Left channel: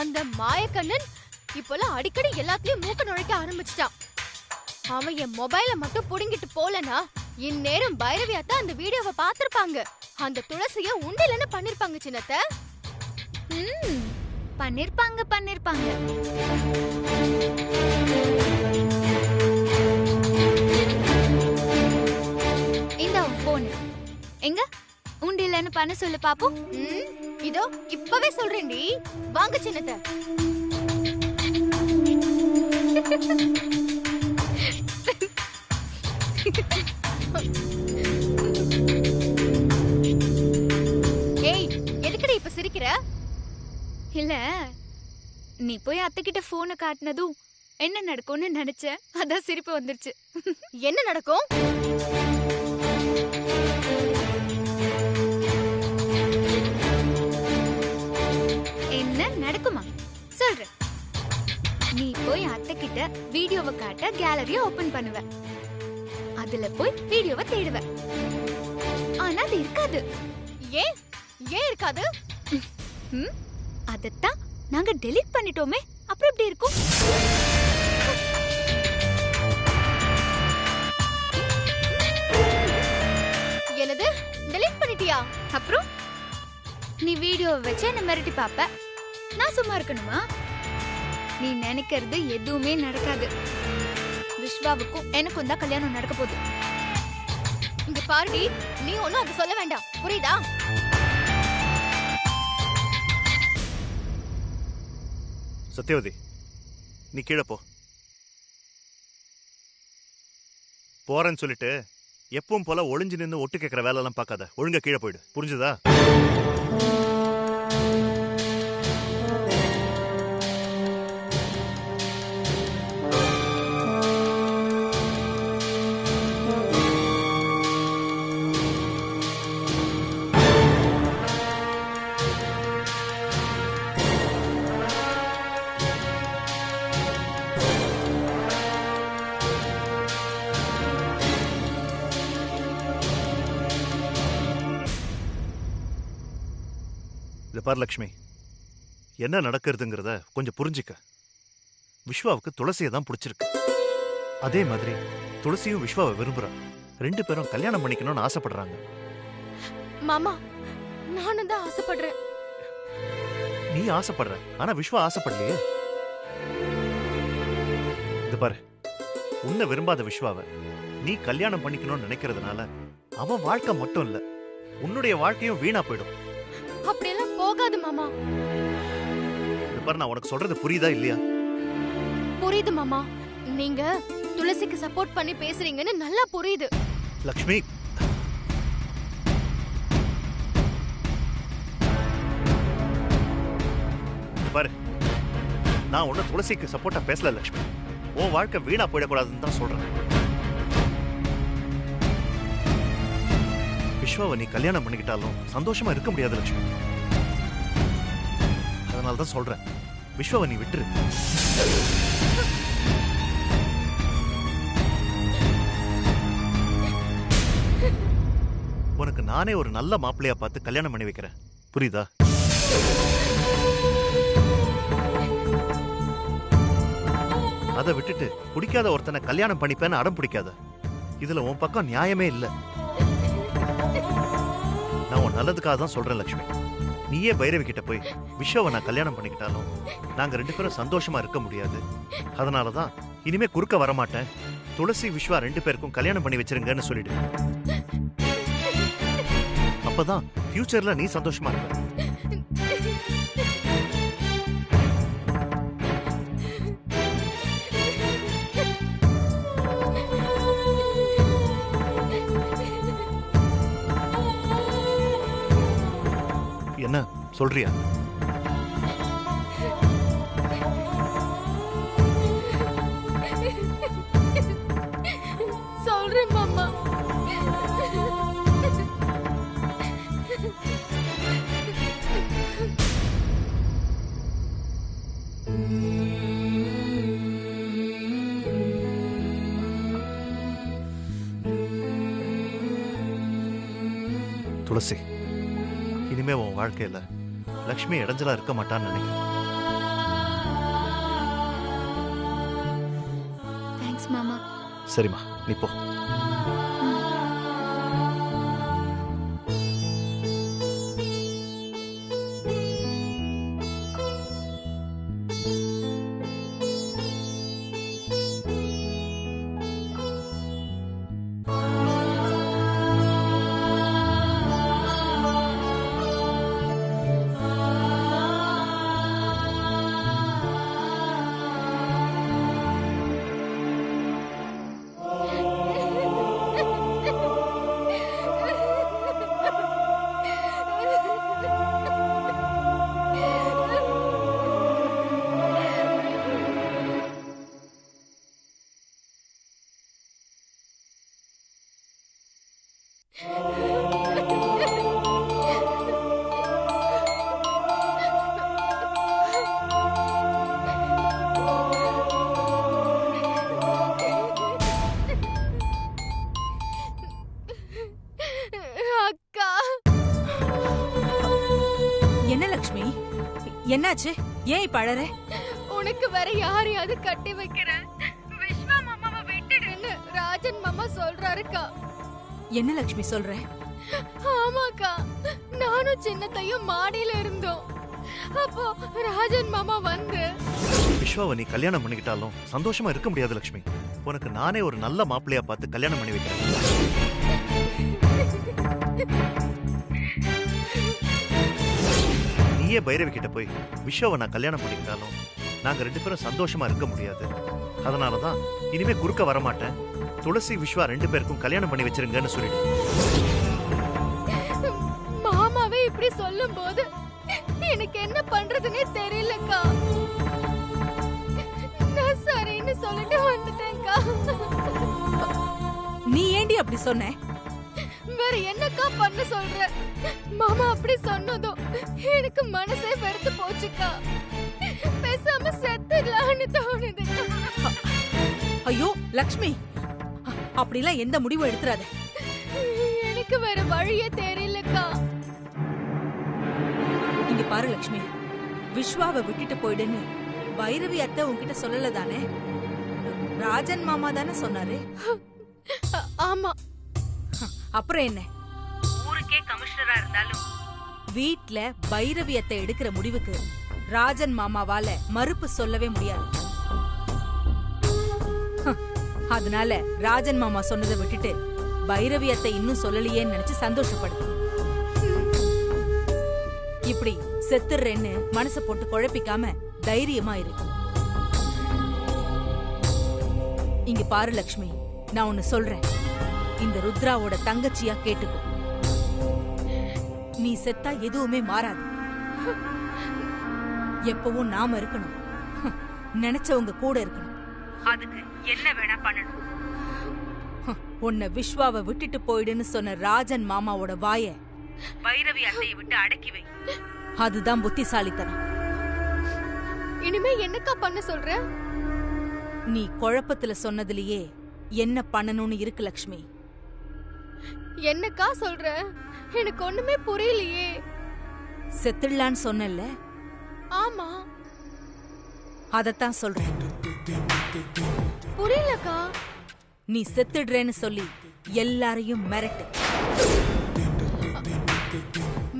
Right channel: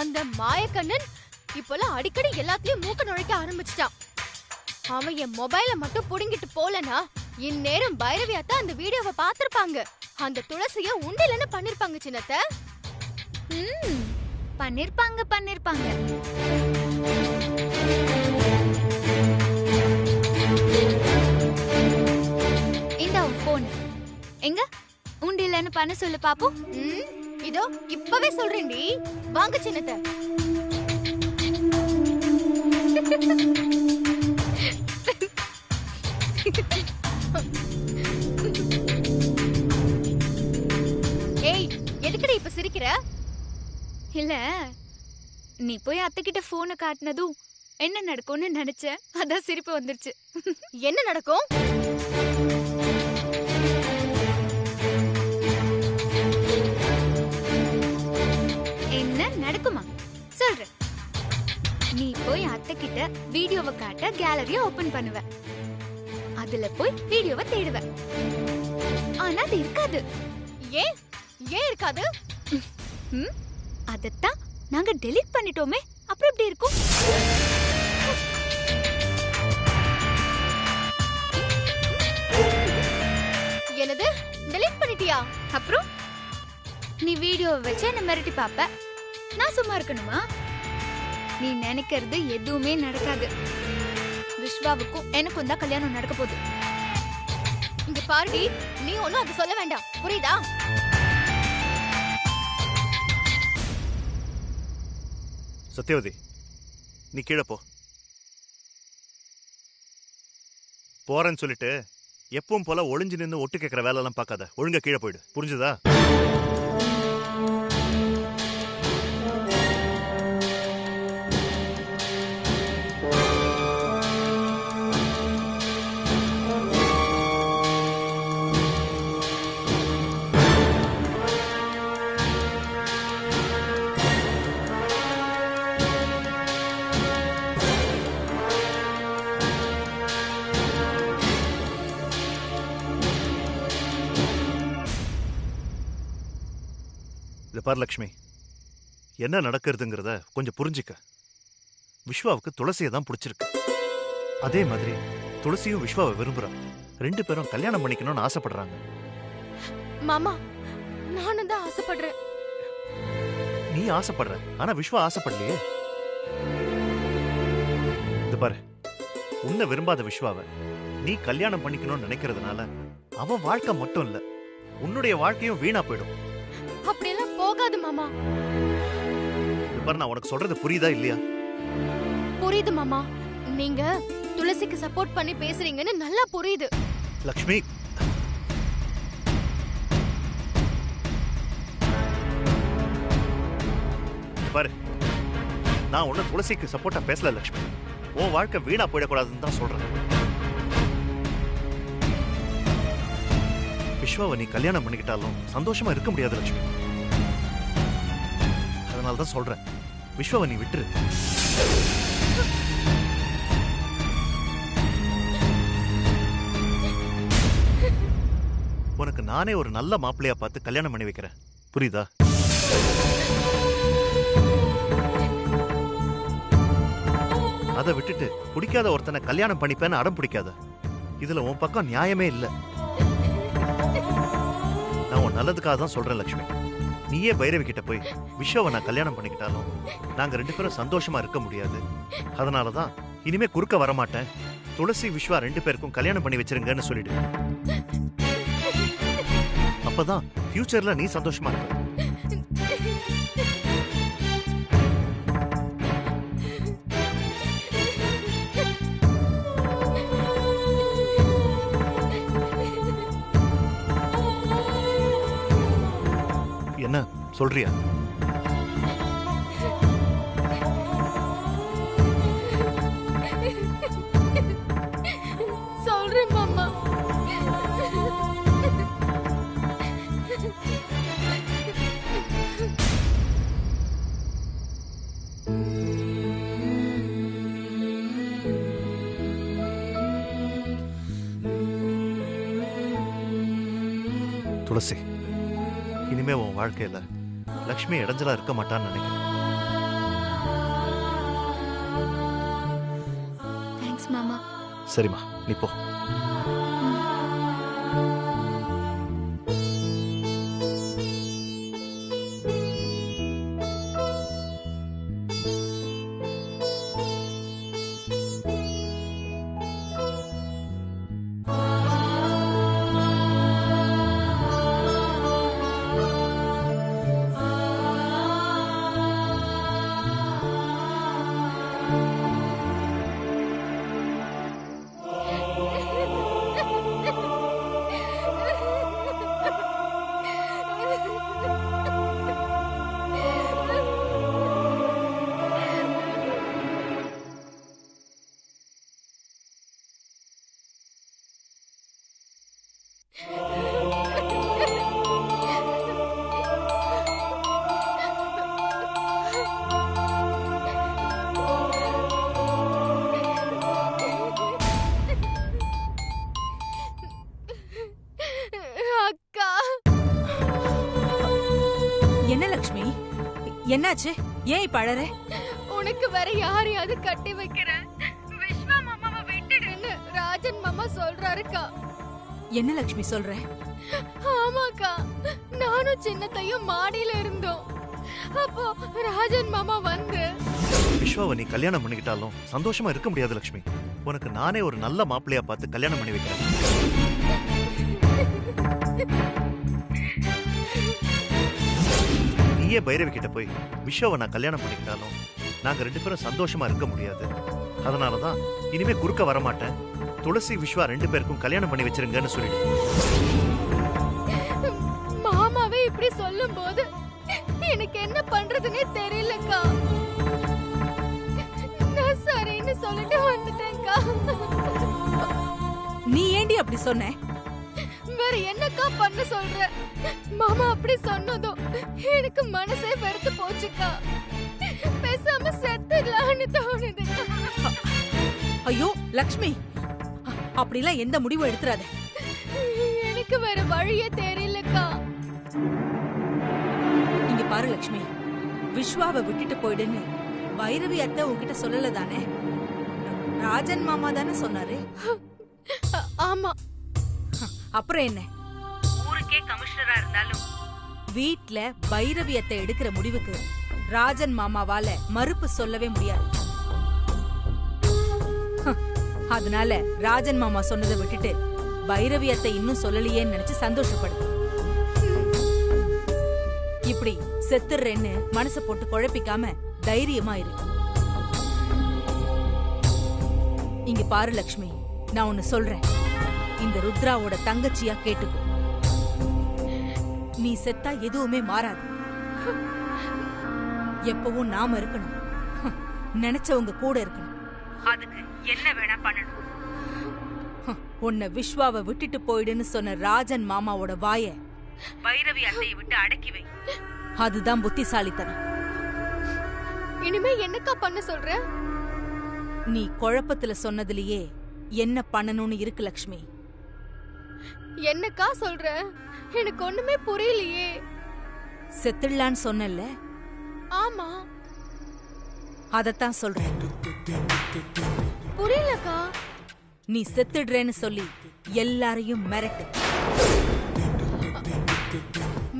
அந்த மாயக்கண்ணன் இப்பெல்லாம் அடிக்கடி எல்லாத்தையும் மூக்க நுழைக்க ஆரம்பிச்சிட்டான். அவன் என் மொபைல மட்டும் புடுங்கிட்டு போலனா இந்நேரம் பைரவி அத்தா அந்த வீடியோவை பாத்திருப்பாங்க. அந்த துளசிய உண்டிலன்னு பண்ணிருப்பாங்க சின்னத்த. பண்ணிருப்பாங்க. இந்த போன் எங்க உண்டிலன்னு பண்ண சொல்லு பாப்போம். இதோ இப்பவே சொல்றேன்டி, வாங்க சின்னத்த. ஏய், எதுக்குடி இப்ப சிரிக்கிற? இல்ல, நீ போய் அத்தை கிட்ட போனை காட்டினதும் என்ன நடக்கும்னு நினைச்சேன், அதான் சிரிப்பு வந்துருச்சு. என்ன நடக்கும்? என்ன நடக்குமா சொல்ற? நீ போய் அத்தை கிட்ட வீடியோவை காட்ட கேலரிய ஓபன் பண்ணுவ. அதுல போய் வீடியோவை தேடுவ. ஆனா அது இருக்காது. ஏன் இருக்காது? அதத்தான் நாங்க டெலீட் பண்ணிட்டோமே, அப்புறம் எப்படி இருக்கும்? என்னது டெலீட் பண்ணிட்டியா? அப்புறம் நீ வீடியோவை வச்சு என்ன மிரட்டி பாப்ப. நான் சும்மா இருக்கணுமா? நீ நினைக்கிறது எதுவுமே நடக்காது. விஸ்வாவுக்கும் எனக்கும் தான் கல்யாணம் நடக்க போகுது. இங்க பாருடி, நீ ஒண்ணும் அது சொல்ல வேண்டாம், புரியுதா? சத்யவதி, நீ கீழே போ. போறேன்னு சொல்லிட்டு எப்பவும் போல ஒளிஞ்சு நின்று ஒட்டு கேட்கிற வேலை எல்லாம் பார்க்காத. ஒழுங்கா கீழே போயிடு, புரிஞ்சுதா? இதை பார் லக்ஷ்மி, என்ன நடக்கிறதுங்கிறத கொஞ்சம் புரிஞ்சுக்க. விஸ்வாவுக்கு துளசியை தான் பிடிச்சிருக்கு. அதே மாதிரி துளசியும் விஸ்வாவை விரும்புறா. 2 பேரும் கல்யாணம் பண்ணிக்கணும்னு ஆசைப்படுறாங்க. மாமா, நானும் தான் ஆசைப்படுறேன். நீ ஆசைப்படுற, ஆனா விஸ்வா ஆசைப்படலையே. இது பாரு, உன்னை விரும்பாத விஸ்வாவை நீ கல்யாணம் பண்ணிக்கணும்னு நினைக்கிறதுனால அவன் வாழ்க்கை மட்டும் இல்ல, உன்னுடைய வாழ்க்கையும் வீணா போயிடும். அப்படியெல்லாம் போகாது மாமா. இது பாரு, நான் உனக்கு சொல்றது புரியுதா இல்லையா? புரியுது மாமா. நீங்க துளசிக்கு சப்போர்ட் பண்ணி பேசுறீங்கன்னு நல்லா புரியுது. லக்ஷ்மி, பாரு, நான் உன்ன துளசிக்கு சப்போர்ட்டா பேசல லக்ஷ்மி. உன் வாழ்க்கை வீணா போயிடக்கூடாதுன்னு தான் சொல்றேன். விஸ்வாவை நீ கல்யாணம் பண்ணிக்கிட்டாலும் சந்தோஷமா இருக்க முடியாது லக்ஷ்மி. அதனாலதான் சொல்றேன், விஸ்வாவை நீ விட்டுரு. உனக்கு நானே ஒரு நல்ல மாப்பிள்ளையா பார்த்து கல்யாணம் பண்ணி வைக்கிறேன், புரியுதா? அதை விட்டுட்டு பிடிக்காத ஒருத்தனை கல்யாணம் பண்ணிப்பேன்னு அடம் பிடிக்காத. இதுல உன் பக்கம் நியாயமே இல்ல. நான் உன் நல்லதுக்காக தான் சொல்றேன் லக்ஷ்மி. நீயே பைரவி கிட்ட போய் விஸ்வாவை நான் கல்யாணம் பண்ணிக்கிட்டாலும் நாங்க 2 பேரும் சந்தோஷமா இருக்க முடியாது. அதனாலதான் இனிமே குறுக்க வரமாட்டேன். துளசி விஸ்வா 2 பேருக்கும் கல்யாணம் பண்ணி வச்சிருங்கன்னு சொல்லிடு. அப்பதான் ஃபியூச்சர்ல நீ சந்தோஷமா இருப்ப. என்ன சொல்றியா? சொல்றேன் மாமா. துளசி, இனிமே உன் வாழ்க்கையில லக்ஷ்மி இடைஞ்சலா இருக்க மாட்டான்னு நினைக்கிறேன். தேங்க்ஸ் மாமா. சரிம்மா, நீ போ. என்ன லக்ஷ்மி, என்னாச்சு? ஏன் இப்ப அழற? உனக்கு வேற யாரையாவது கட்டி வைக்கிறேன், விஸ்வா மாமாவை விட்டுடுன்னு ராஜன் மாமா சொல்றாருக்கா. என்ன லக்ஷ்மி சொல்ற? ஆமாக்கா, நானும் சின்னத்தையும் மாடியில இருந்தோம். அப்போ ராஜன் மாமா வந்து, விஸ்வாவை நீ கல்யாணம் பண்ணிக்கிட்டாலும் சந்தோஷமா இருக்க முடியாது லக்ஷ்மி. உனக்கு நானே ஒரு நல்ல மாப்பிள்ளையா பார்த்து கல்யாணம் பண்ணி வைக்கிறேன். நீயே பைரவி கிட்ட போய் விஸ்வாவை நான் கல்யாணம் பண்ணிக்கிட்டாலும் நாங்க 2 பேரும் சந்தோஷமா இருக்க முடியாது. அதனாலதான் இனிமே குறுக்க வரமாட்டேன், துளசி விஸ்வா 2 பேருக்கும் கல்யாணம் பண்ணி வச்சிருங்கன்னு சொல்லிடு. மாமாவே இப்படி சொல்லும் போது எனக்கு என்ன பண்றதுன்னே தெரியலக்கா. நான் சரின்னு சொல்லிட்டு வந்துட்டேன்க்கா. நீ ஏண்டி அப்படி சொன்ன? வேற என்னக்கா பண்ண சொல்ற? மாமா அப்படி சொன்னதும் எனக்கு மனசே வெறுத்து போச்சுக்கா. பேசாம செத்துடலான்னு தோணுது. ஐயோ லக்ஷ்மி, அப்படிலாம் எந்த முடிவும் எடுத்துறாத. எனக்கு வேற வழியே தெரியலக்கா. இங்க பாரு லக்ஷ்மி, விஸ்வாவை விட்டுட்டு போயிடுன்னு பைரவி அத்தை உன்கிட்ட சொல்லல தானே? ராஜன் மாமா தானே சொன்னாரு. ஆமா. அப்புறம் என்ன? ஊருக்கே கமிஷனரா இருந்தாலும் வீட்ல பைரவி அத்தை எடுக்கிற முடிவுக்கு ராஜன் மாமாவால மறுப்பு சொல்லவே முடியாது. அதனால ராஜன் மாமா சொன்னதை விட்டுட்டு பைரவி அத்தை இன்னும் சொல்லலையேன்னு நினைச்சு சந்தோஷப்படு. இப்படி செத்துறேன்னு மனசை போட்டு குழப்பிக்காம தைரியமா இரு. இங்க பாரு லக்ஷ்மி, நான் ஒன்னு சொல்றேன், இந்த ருத்ராவோட தங்கச்சியா கேட்டுக்கோ. நீ செத்தா எதுவுமே மாறாது. எப்பவும் நாம இருக்கணும், நினைச்சவங்க கூட இருக்கணும். அதுக்கு என்ன வேணா பண்ணணும். உன்னை விஸ்வாவை விட்டுட்டு போயிடுன்னு சொன்ன ராஜன் மாமாவோட வாய பைரவி அத்தையை விட்டு அடக்கி வை. அதுதான் புத்திசாலித்தனம். இனிமே என்னக்கா பண்ண சொல்ற? நீ குழப்பத்துல சொன்னதுலயே என்ன பண்ணணும்னு இருக்கு லக்ஷ்மி. என்னக்கா சொல்ற? எனக்கு ஒண்ணுமே புரியலையே. செத்துடலான்னு சொன்னல? ஆமா. அதத்தான் சொல்றேன். புரியலக்கா. நீ செத்துடுறேன்னு சொல்லி எல்லாரையும் மிரட்டு.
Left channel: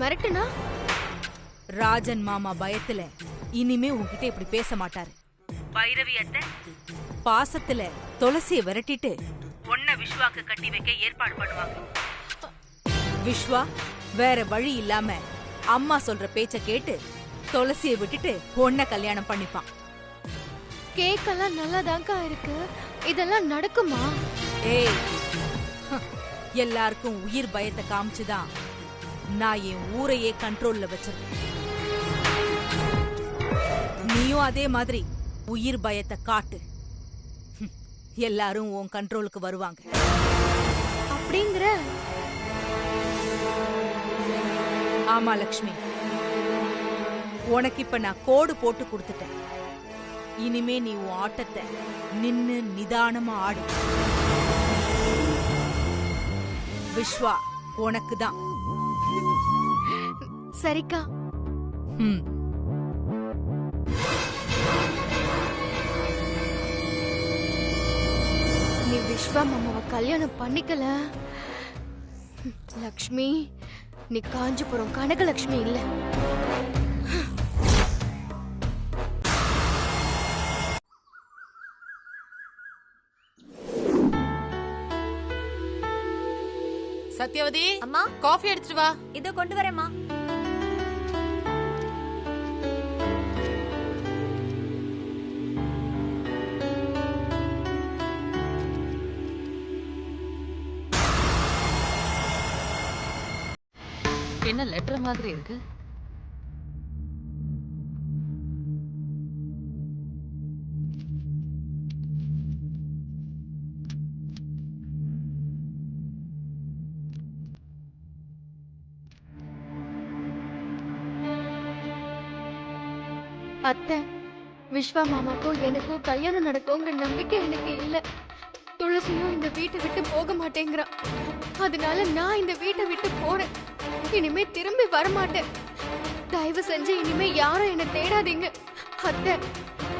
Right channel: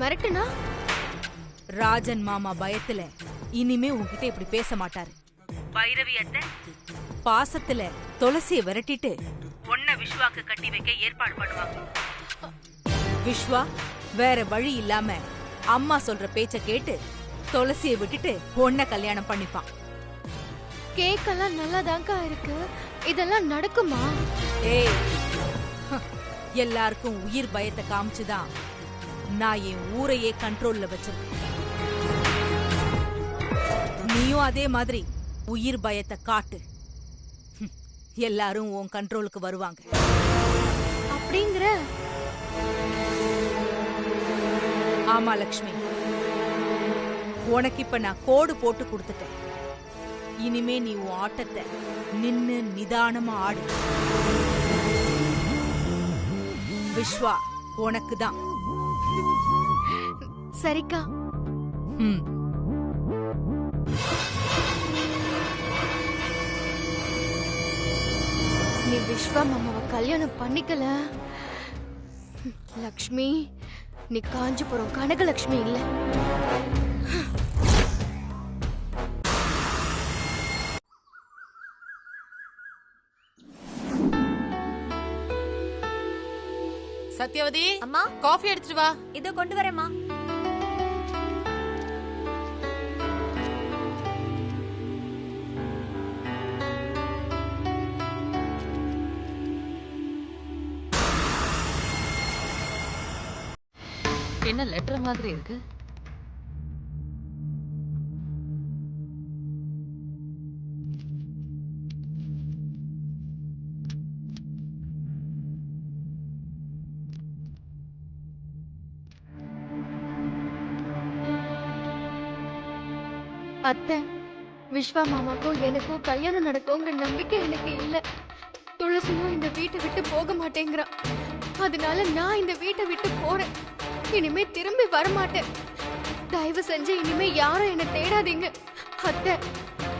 மிரட்டுனா? ராஜன் மாமா பயத்துல இனிமே உன்கிட்ட இப்படி பேச மாட்டாரு. பைரவி அத்தை பாசத்துல துளசிய விரட்டிட்டு ஒன்ன விஸ்வாக்கு கட்டி வைக்க ஏற்பாடு பண்ணுவாங்க. விஸ்வா வேற வழி இல்லாம அம்மா சொல்ற பேச்ச கேட்டு துளசிய விட்டுட்டு ஒன்ன கல்யாணம் பண்ணிப்பான். கேக்கெல்லாம் நல்லாதான்க்கா இருக்கு. இதெல்லாம் நடக்குமா? ஏய், எல்லாருக்கும் உயிர் பயத்தை காமிச்சுதான் நான் என் ஊரையே கண்ட்ரோல்ல வச்சிருக்கேன். நீயும் அதே மாதிரி உயிர் பயத்தை காட்டு, எல்லாரும் உன் கண்ட்ரோலுக்கு வருவாங்க. அப்படிங்கிற? ஆமா லக்ஷ்மி, உனக்கு இப்ப நான் கோடு போட்டு கொடுத்துட்டேன். இனிமே நீ உன் ஆட்டத்தை நின்னு நிதானமா ஆடு. விஸ்வா உனக்குதான். சரிக்கா. விஸ்வா மாமாவை கல்யாணம் பண்ணிக்கல, லக்ஷ்மி நீ காஞ்சிபுரம் கனகலட்சுமி இல்ல. சத்யவதி, அம்மா காஃபி எடுத்துட்டு வா. இதோ கொண்டு வரேம்மா. என்ன லெட்டர் மாதிரி இருக்கு? அத்தை, விஸ்வா மாமாக்கும் எனக்கும் கல்யாணம் நடக்குங்கிற நம்பிக்கை எனக்கு இல்ல. துளசியும் இந்த வீட்டை விட்டு போக மாட்டேங்கிறா. அதனால நான் இந்த வீட்டை விட்டு போறேன். இனிமே திரும்பி வரமாட்டேன். தயவு செஞ்சு இனிமே யாரும் என்ன தேடாதீங்க. அத்தை,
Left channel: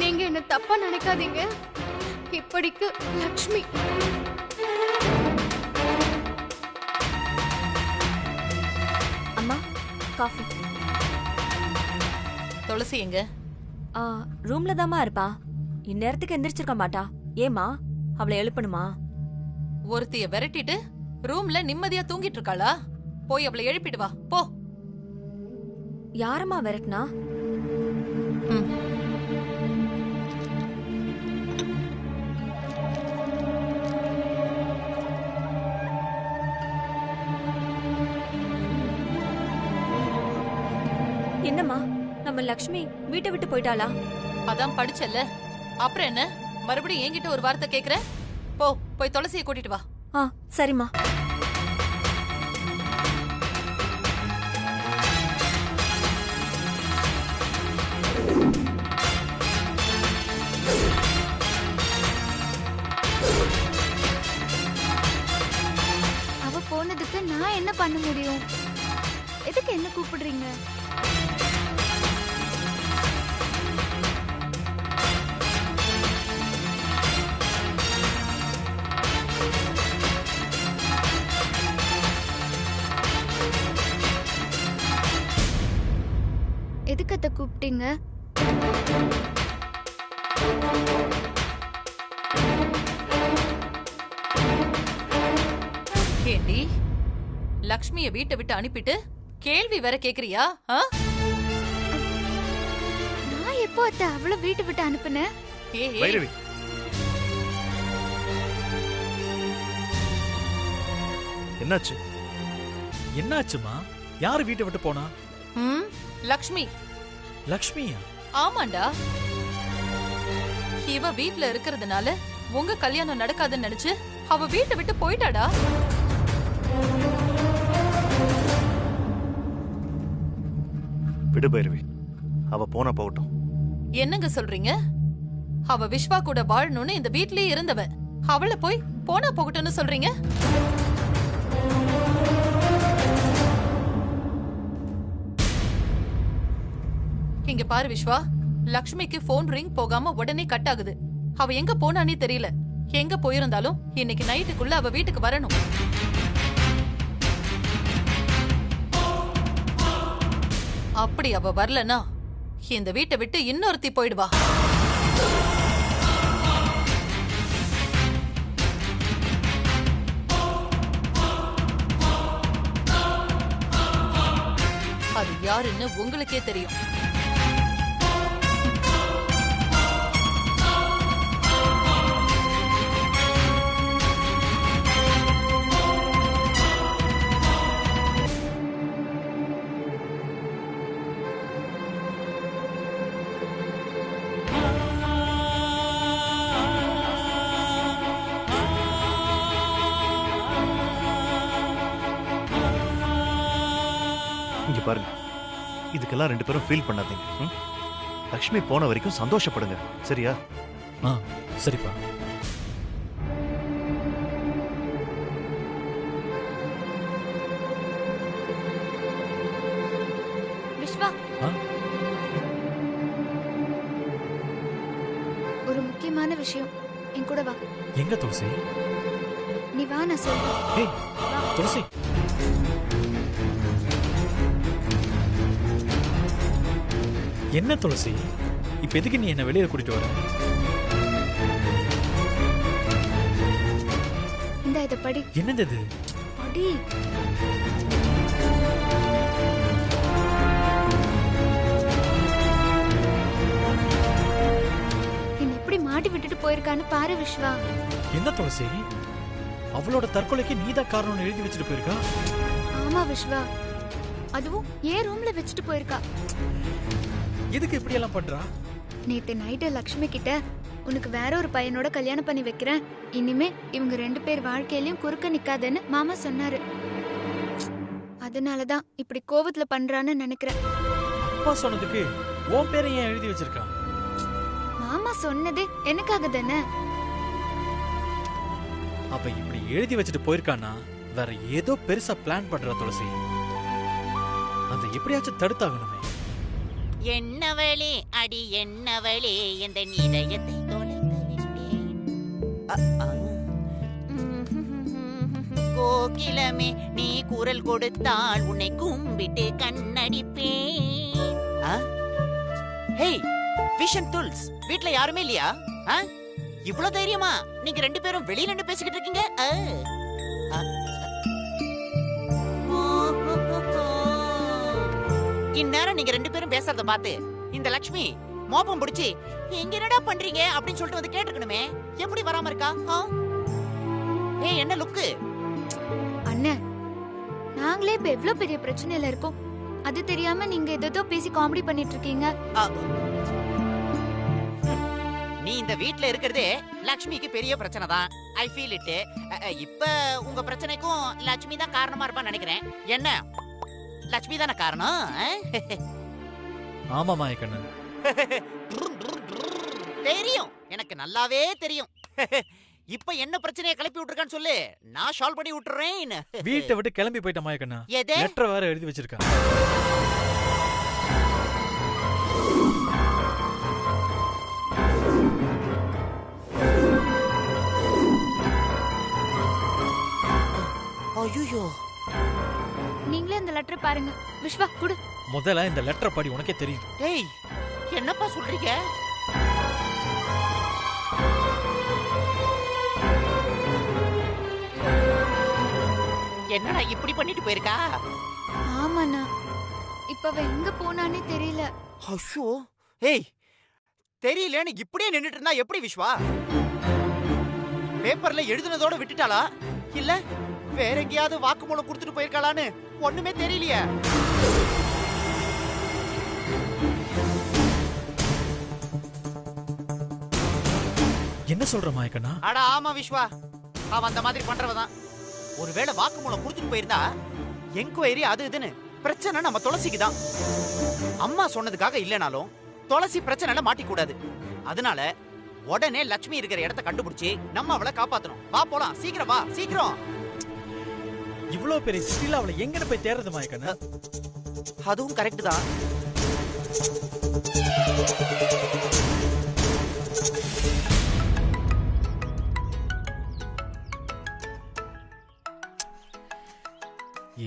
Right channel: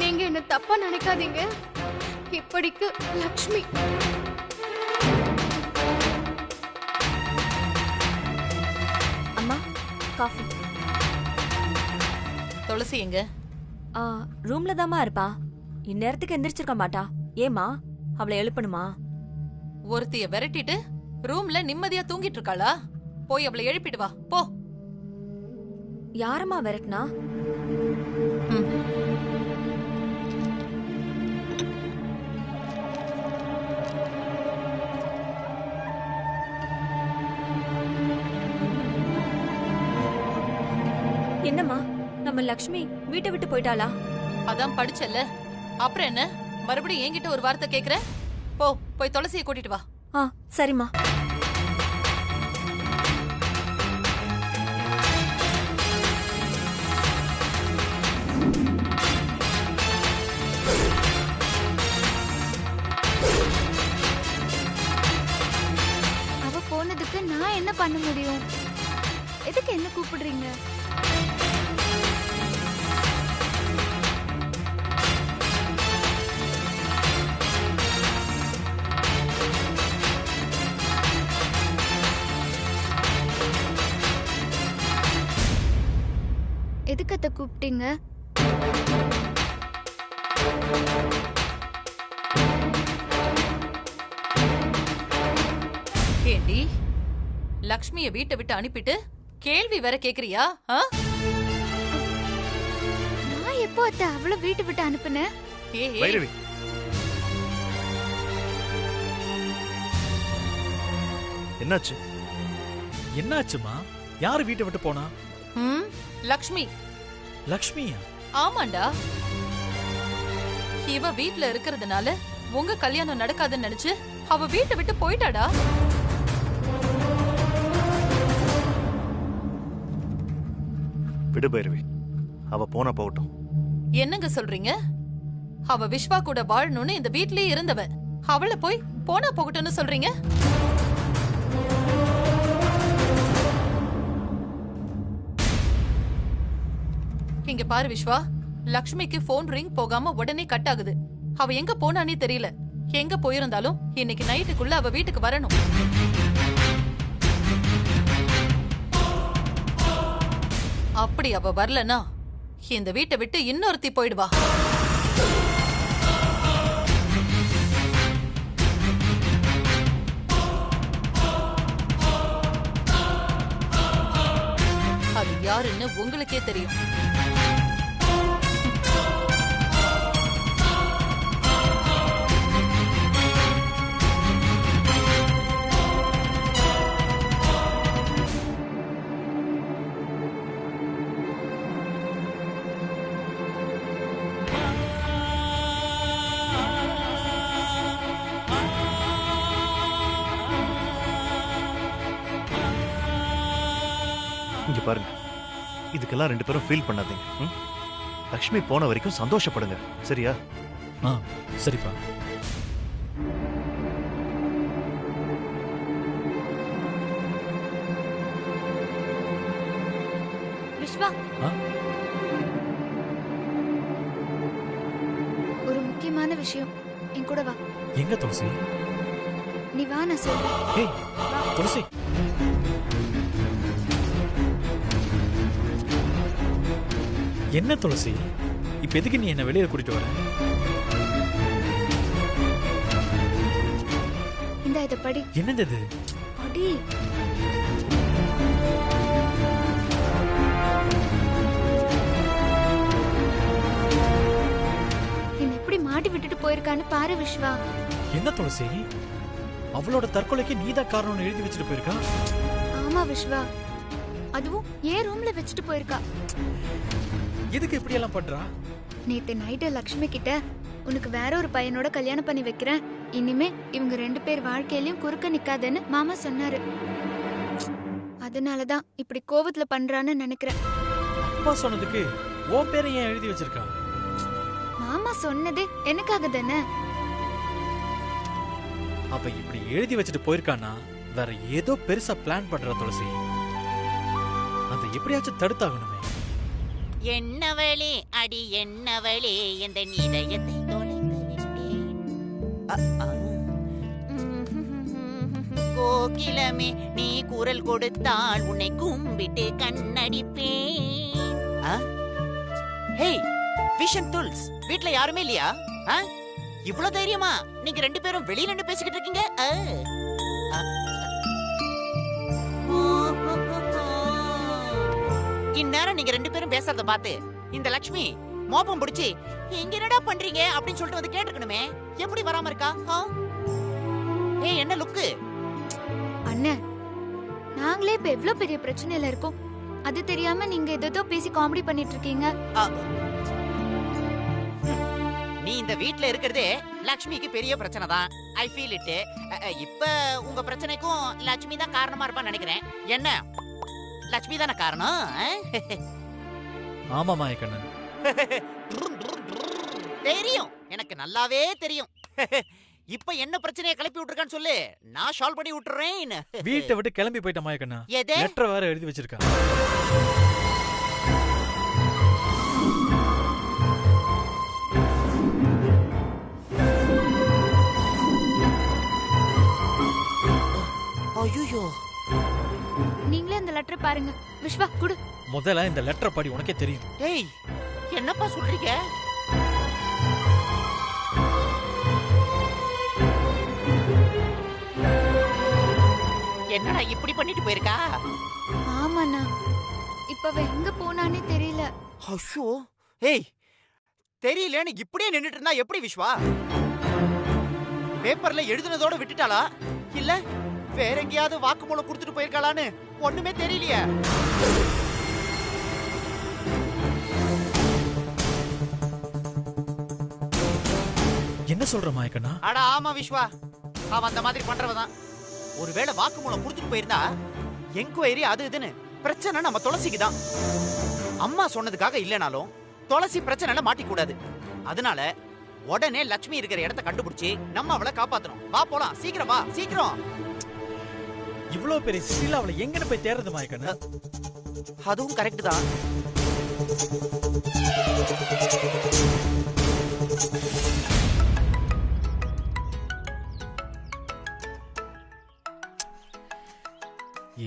நீங்க என்ன தப்பா நினைக்காதீங்க. இப்படிக்கு லக்ஷ்மி. அம்மா காஃபி. துளசி எங்க? ரூம்ல தாம்மா இருப்பா. இந்நேரத்துக்கு எந்திரிச்சிருக்க மாட்டா. ஏமா அவளை எழுப்பணுமா? ஒருத்திய விரட்டிட்டு ரூம்ல நிம்மதியா தூங்கிட்டு இருக்காளா? போய் அவளை எழுப்பிட்டு வா போ. யாரம்மா விரட்டினா? என்னம்மா, நம்ம லக்ஷ்மி வீட்டை விட்டு போயிட்டாளா? அதான் படிச்சல்ல, அப்புறம் என்ன மறுபடியும் என்கிட்ட ஒரு வார்த்தை கேக்குற? போ, போய் துளசியை கூட்டிட்டு வா. சரிம்மா. அவ போனதுக்கு நான் என்ன பண்ண முடியும்? எதுக்கு என்ன கூப்பிடுறீங்க? எதுக்கு அத்தை கூப்பிட்டீங்க? ஏண்டி, லக்ஷ்மிய வீட்டை விட்டு அனுப்பிட்டு கேள்வி வேற கேக்குறியா? நான் எப்போ அத்தை அவளை வீட்டை விட்டு அனுப்புனேன்? வைரவி, என்னாச்சு? என்னாச்சுமா? யாரு வீட்டை விட்டு போனா? லக்ஷ்மி. லக்ஷ்மியா? ஆமாண்டா, இவ வீட்ல இருக்கிறதுனால உங்க கல்யாணம் நடக்காதுன்னு நினைச்சு அவ வீட்டை விட்டு போயிட்டாடா. விடு பைரவி, அவ போனா போகட்டும். என்னங்க சொல்றீங்க? அவ விஸ்வா கூட வாழணும்னு இந்த வீட்லயே இருந்தவ, அவளை போய் போனா போகட்டும்னு சொல்றீங்க? இங்க பாரு விஸ்வா, லக்ஷ்மிக்கு போன் ரிங் போகாம உடனே கட் ஆகுது. அவ எங்க போனானே தெரியல. எங்க போயிருந்தாலும் இன்னைக்கு நைட்டுக்குள்ள அவ வீட்டுக்கு வரணும். அப்படி அவ வரலனா இந்த வீட்டை விட்டு இன்னொருத்தி போயிடுவா. அது யாருன்னு உங்களுக்கே தெரியும். இங்க பாருங்க, இதுக்கெல்லாம் ரெண்டு பேரும் ஃபீல் பண்ணாதீங்க. லக்ஷ்மி போன வரைக்கும் சந்தோஷப்படுங்க, சரியா? சரிப்பா. விஸ்வா, ஒரு முக்கியமான விஷயம். என் கூட வா. எங்க துளசி? நீ வா, நான் சொல்றேன். ஏய் துளசி, என்ன துளசி, இப்ப எதுக்கு நீ என்ன வெளியில கூட்டிட்டு வர? இந்த இத படி. என்னது இது? படி. என்ன எப்படி மாட்டி விட்டுட்டு போயிருக்கான்னு பாரு விஸ்வா. என்ன துளசி, அவளோட தற்கொலைக்கு நீதான் காரணம்னு எழுதி வச்சுட்டு போயிருக்கா? ஆமா விஸ்வா, அதுவும் ஏன் ரூம்ல வச்சுட்டு போயிருக்கா. எதுக்கு இப்படி எல்லாம் பண்றா? நேத்து நைட்டு லக்ஷ்மி கிட்ட உனக்கு வேற ஒரு பையனோட கல்யாணம் பண்ணி வைக்கிறேன், இனிமே இவங்க 2 பேர் வாழ்க்கையிலயும் குறுக்க நிக்காதேன்னு மாமா சொன்னாரு. அதனாலதான் இப்படி கோவத்துல பண்றான்னு நினைக்கிறேன். அப்பா சொன்னதுக்கு உன் பேரை ஏன் எழுதி வச்சிருக்கா? மாமா சொன்னதே எனக்காக தானே. அவ இப்படி எழுதி வச்சுட்டு போயிருக்கானா வேற ஏதோ பெருசா பிளான் பண்றா துளசி. அந்த எப்படியாச்சும் தடுத்தாகணுமே. என்னவளே அடி என்னவளே எந்த இதயத்தை தொலைத்து விட்டேன். கோகிலமே நீ குரல் கொடுத்தால் உன்னை கும்பிட்டு கண்ணடிப்பேன். ஹேய் விஷன் டூல்ஸ், வீட்ல யாருமே இல்லையா? இவ்வளவு தைரியமா நீங்க 2 பேரும் வெளியில நின்னு பேசிக்கிட்டு இருக்கீங்க? இந்நேரம் நீங்க 2 பேரும் பேசுறத பார்த்து இந்த லக்ஷ்மி மோப்பம் பிடிச்சி இங்க என்னடா பண்றீங்க அப்படின்னு சொல்லிட்டு வந்து கேட்டுக்கணுமே. எப்படி வராம இருக்கா? ஏய் என்ன லுக்கு? அண்ணன், நாங்களே இப்ப எவ்வளவு பெரிய பிரச்சனையில இருக்கோம், அது தெரியாம நீங்க ஏதோ பேசி காமெடி பண்ணிட்டு இருக்கீங்க. நீ இந்த வீட்ல இருக்கிறதே லக்ஷ்மிக்கு பெரிய பிரச்சனை தான். I feel it. இப்ப உங்க பிரச்சனைக்கும் லக்ஷ்மி தான் காரணமா இருப்பான்னு நினைக்கிறேன். என்ன லட்சுமி தான காரணம்? ஆமா மாயக்கண்ணன், தெரியும், எனக்கு நல்லாவே தெரியும். இப்ப என்ன பிரச்சனையை கிளப்பி விட்டுருக்கான்னு சொல்லு, நான் சால்வ் பண்ணி விட்டுறேன். வீட்டை விட்டு கிளம்பி போயிட்ட மாயக்கண்ணா. லெட்டர் வேற எழுதி வச்சிருக்கா. ஐயோ, நீங்களே இந்த லெட்டர் பாருங்க. விஸ்வா குடு. முதல்ல இந்த லெட்டர் படி, உனக்கே தெரியும். டேய் என்னப்பா சொல்றீங்க? என்னடா இப்படி பண்ணிட்டு போயிருக்கா? ஆமாண்ணா, இப்ப அவ எங்க போனானே தெரியல. ஐயோ, ஏய் தெரியலன்னு இப்படியே நின்னுட்டு இருந்தா எப்படி விஸ்வா? பேப்பர்ல எழுதுனதோட விட்டுட்டாளா இல்ல வேற எங்கேயாவது வாக்குமூலம் கொடுத்துட்டு போயிருக்காளான்னு ஒண்ணுமே தெரியலையே. என்ன சொல்ற மாயக்கண்ணா? அட ஆமா விஸ்வா, அவன் அந்த மாதிரி பண்றவதான். ஒருவேளை வாக்குமூலம் கொடுத்துட்டு போயிருந்தா என்கொயரி அது இதுன்னு பிரச்சனை நம்ம துளசிக்கு தான். அம்மா சொன்னதுக்காக இல்லனாலும் துளசி பிரச்சனைல மாட்டிக்கூடாது. அதனால உடனே லட்சுமி இருக்கிற இடத்தை கண்டுபிடிச்சு நம்ம அவளை காப்பாத்தணும். வா போலாம், சீக்கிரம் வா, சீக்கிரம். இவ்வளவு பெரிய சிட்டில அவளை எங்கன்னு போய் தேடுறது மாயக்கண்ணா? அதுவும் கரெக்ட் தான்.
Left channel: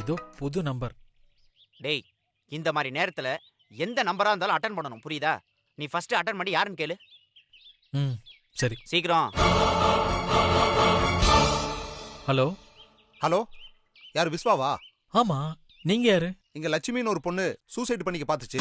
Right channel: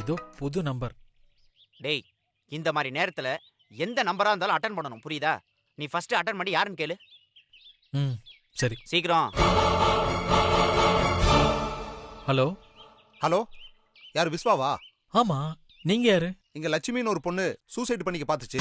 ஏதோ புது நம்பர். டேய் இந்த மாதிரி நேரத்துல எந்த நம்பரா இருந்தாலும் அட்டெண்ட் பண்ணணும், புரியுதா? நீ ஃபர்ஸ்ட் அட்டெண்ட் பண்ணி யாருன்னு கேளு. சரி சீக்கிரம். ஹலோ ஹலோ, யார் விஸ்வாவா? ஆமா, நீங்க யாரு? இங்க லட்சுமின்னு ஒரு பொண்ணு சூசைட் பண்ணிக்க பாத்துச்சு.